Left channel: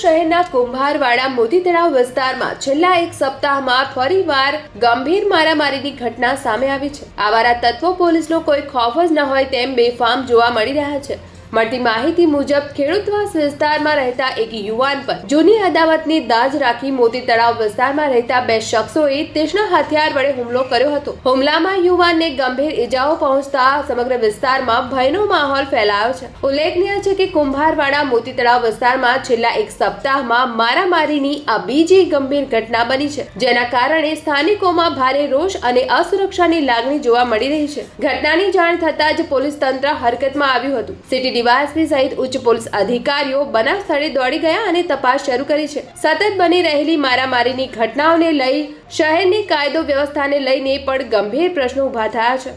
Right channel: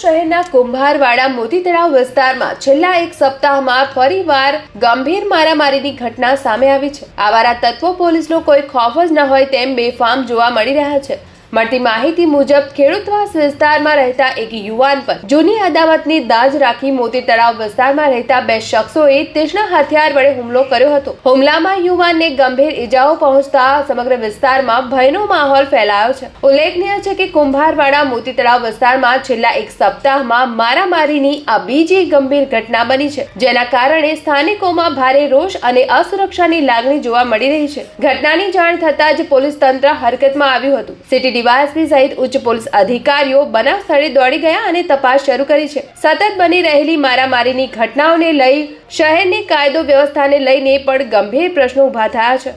શહેરના કુંભારવાડા મોતી તળાવ વિસ્તારમાં છેલ્લા એક સપ્તાહમાં ફરીવાર ગંભીર મારામારીની ઘટના સામે આવી છે. આવારા તત્વો પોલીસનો કોઈ ખોફ જ ન હોય તેમ બેફામ જોવા મળી રહ્યા છે. મળતી માહિતી મુજબ ખેડૂતવાસ વિસ્તારમાં રહેતા એક યુવાન પર જૂની અદાવતની દાજ રાખી મોતી તળાવ વિસ્તારમાં રહેતા બે શખ્સોએ તીક્ષ્ણ હથિયાર વડે હુમલો કર્યો હતો. હુમલામાં યુવાનને ગંભીર ઈજાઓ પહોંચતા સમગ્ર વિસ્તારમાં ભયનો માહોલ ફેલાયો છે. ઉલ્લેખનીય છે કે કુંભારવાડા મોતી તળાવ વિસ્તારમાં છેલ્લા એક સપ્તાહમાં મારામારીની આ બીજી ગંભીર ઘટના બની છે, જેના કારણે સ્થાનિકોમાં ભારે રોષ અને અસુરક્ષાની લાગણી જોવા મળી રહી છે. ઘટનાની જાણ થતાં જ પોલીસ તંત્ર હરકતમાં આવ્યું હતું. સિટી ડીવાયએસપી સહિત ઉચ્ચ પોલીસ અધિકારીઓ બનાવ સ્થળે દોડી ગયા અને તપાસ શરૂ કરી છે. સતત બની રહેલી મારામારીની ઘટનાઓને લઈ શહેરની કાયદો વ્યવસ્થાને લઈને પણ ગંભીર પ્રશ્નો ઊભા થયા છે.